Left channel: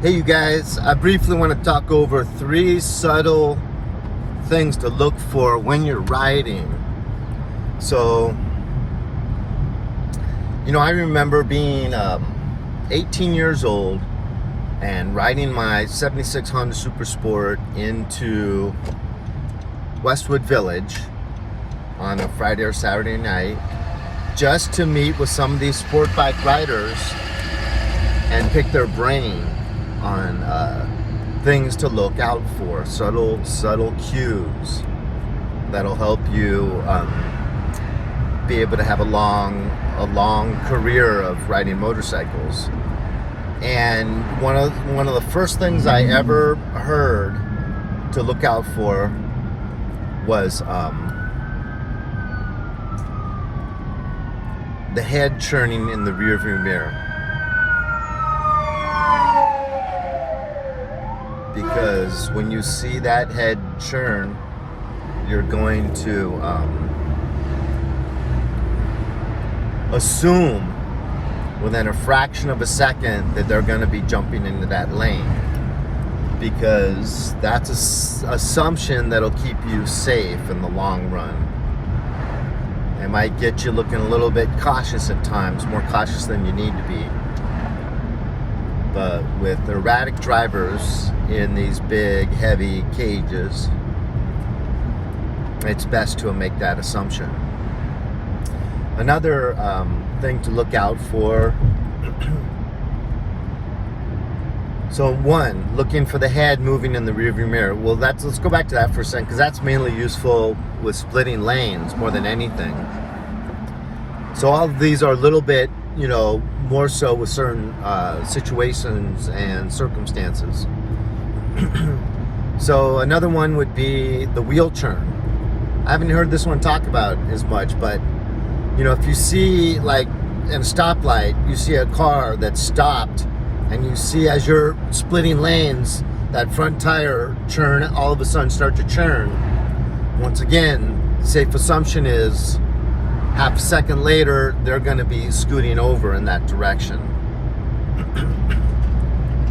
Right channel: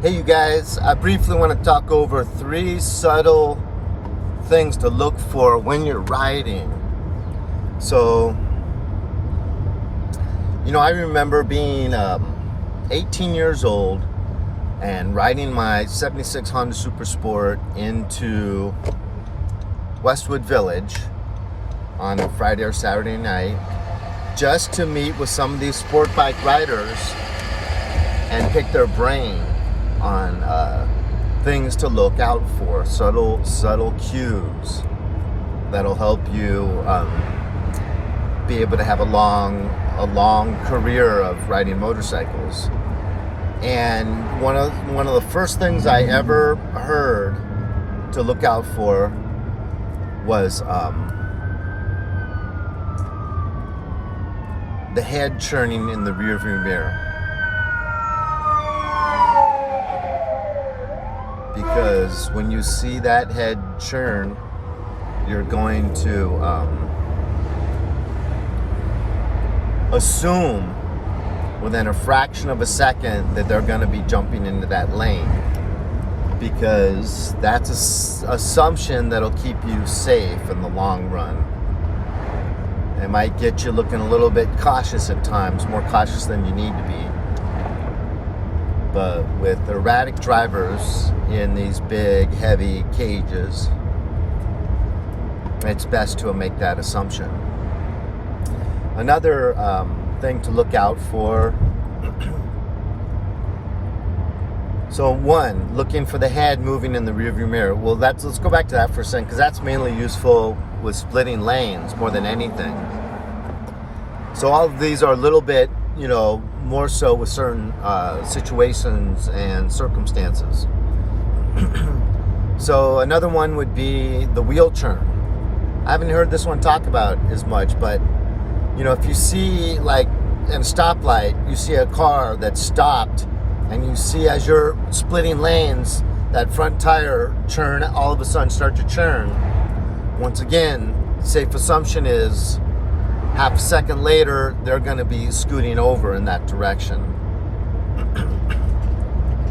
Hey you guys, I briefly want to talk over 3 subtle things to look for when you're riding. So, I remember being 18 years old and riding my 76 Honda Super Sport into Westwood Village on a Friday or Saturday night just to meet with some of these sport bike riders and pick their brain on things to look out for, subtle cues that'll help you be able to have a long career of riding motorcycles. And one of the first things I ever heard to look out for was the head churning in the rearview mirror. Because when you see that head churn, you're going to assume within a fraction of a second that they're going to be jumping into that lane, because that's an assumption that'll keep you safe in the long run. It might get you looking a little bit cautious at times, more cautious than you need to be. But with erratic drivers in these big, heavy cages, it's best to make that assumption. Another thing to look out for, so one, looking for the head moving in the rearview mirror. Well, let's go back to that for a second, because that's mainly useful with splitting lanes more than anything. So all of these are a little bit, more so with certain situations and circumstances. So another one would be the wheel churn. I haven't heard this one talked about as much, but if you see, like in a stoplight, you see a car that's stopped, and you see as you're splitting lanes, that front tire churn all of a sudden start to churn. Once again, safe assumption is half a second later, they're going to be scooting over in that direction.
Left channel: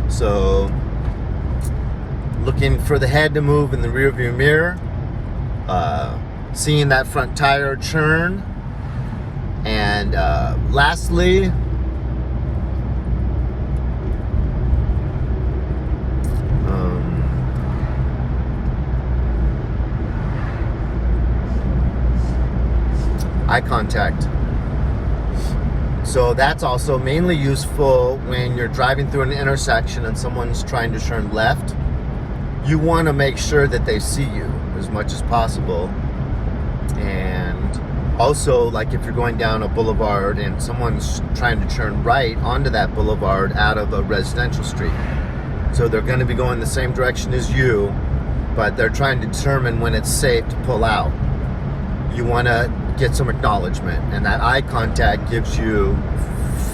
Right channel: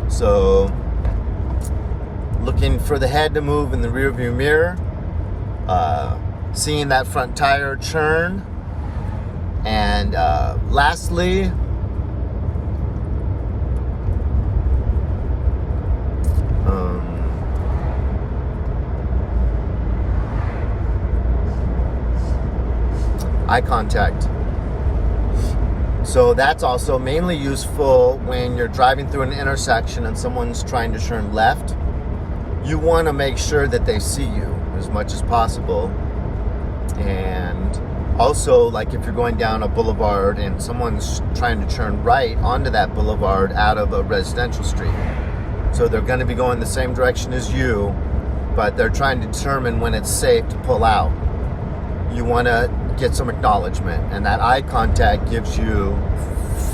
So, looking for the head to move in the rearview mirror, seeing that front tire churn, and lastly, eye contact. So that's also mainly useful when you're driving through an intersection and someone's trying to turn left. You want to make sure that they see you as much as possible. And also, like if you're going down a boulevard and someone's trying to turn right onto that boulevard out of a residential street. So they're going to be going the same direction as you, but they're trying to determine when it's safe to pull out. You want to get some acknowledgement, and that eye contact gives you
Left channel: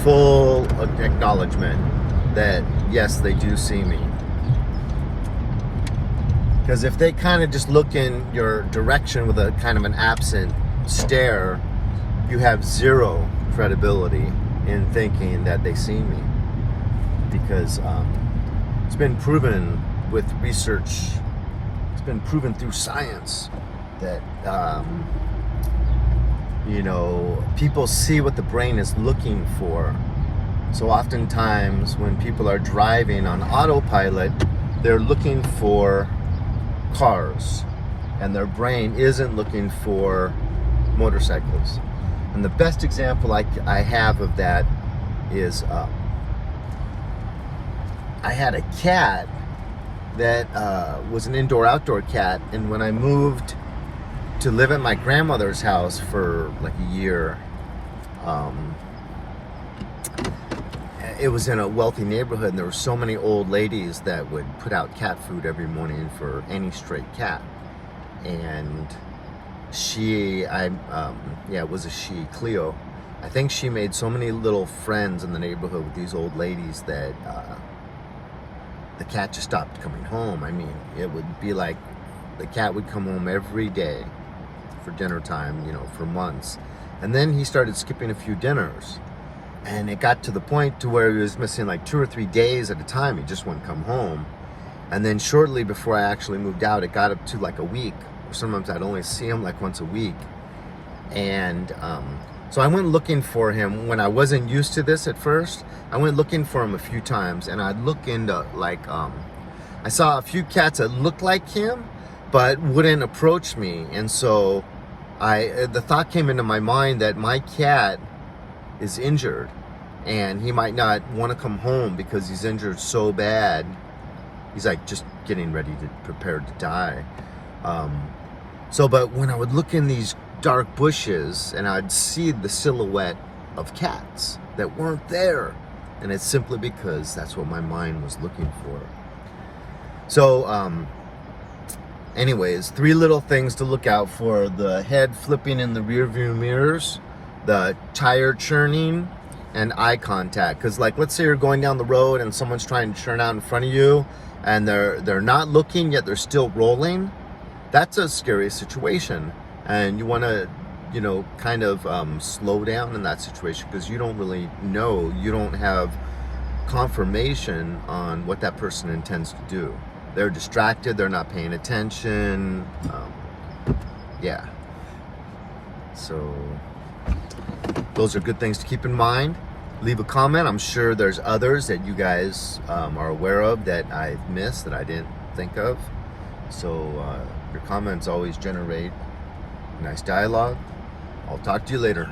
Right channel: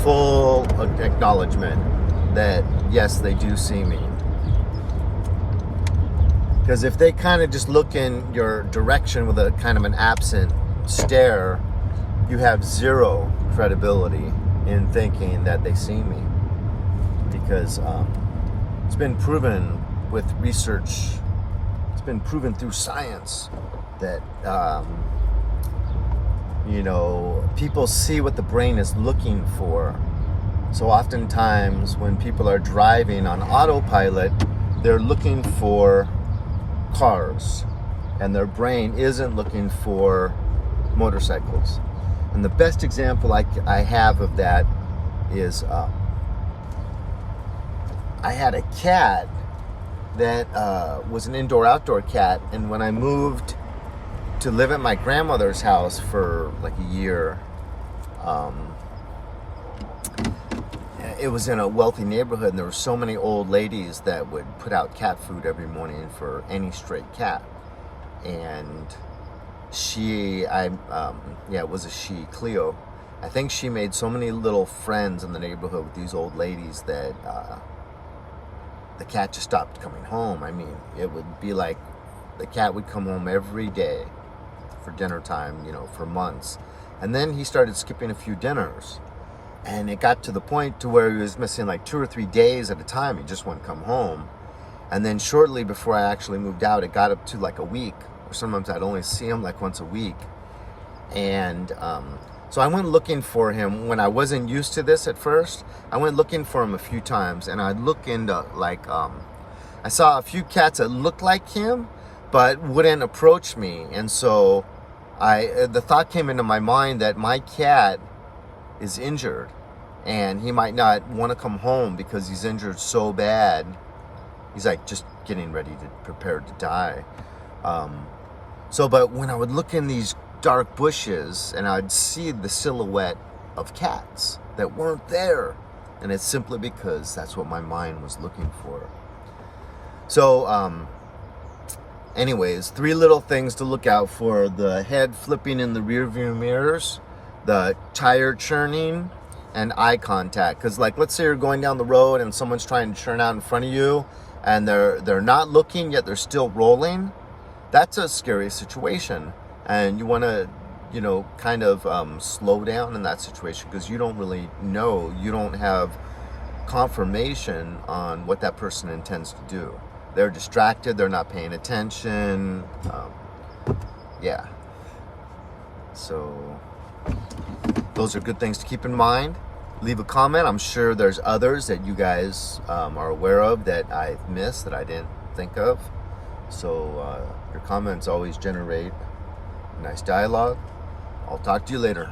full acknowledgement that yes, they do see me. Because if they kind of just look in your direction with a kind of an absent stare, you have zero credibility in thinking that they see me. Because it's been proven with research, it's been proven through science that people see what the brain is looking for. So oftentimes when people are driving on autopilot, they're looking for cars, and their brain isn't looking for motorcycles. And the best example I have of that is I had a cat that was an indoor-outdoor cat, and when I moved to live at my grandmother's house for like a year, it was in a wealthy neighborhood, and there were so many old ladies that would put out cat food every morning for any stray cat. And it was a she, Cleo. I think she made so many little friends in the neighborhood with these old ladies that the cat just stopped coming home. I mean, it would be like the cat would come home every day for dinner time, for months. And then he started skipping a few dinners. And it got to the point to where he was missing like 2 or 3 days at a time. He just wouldn't come home. And then shortly before I actually moved out, it got up to like a week. Or sometimes I'd only see him like once a week. And so I went looking for him when I wasn't used to this at first. I went looking for him a few times, and I'd look into like, I saw a few cats that looked like him, but wouldn't approach me. And so the thought came into my mind that my cat is injured and he might not want to come home because he's injured so bad. He's like just getting ready to prepare to die. But when I would look in these dark bushes and I'd see the silhouette of cats that weren't there, and it's simply because that's what my mind was looking for. So anyways, 3 little things to look out for: the head flipping in the rear view mirrors, the tire churning, and eye contact. Because like, let's say you're going down the road and someone's trying to churn out in front of you and they're not looking yet they're still rolling. That's a scary situation, and you want to, you know, kind of slow down in that situation, because you don't really know, you don't have confirmation on what that person intends to do. They're distracted, they're not paying attention. Yeah, so those are good things to keep in mind. Leave a comment. I'm sure there's others that you guys are aware of that I've missed, that I didn't think of. So your comments always generate nice dialogue. I'll talk to you later.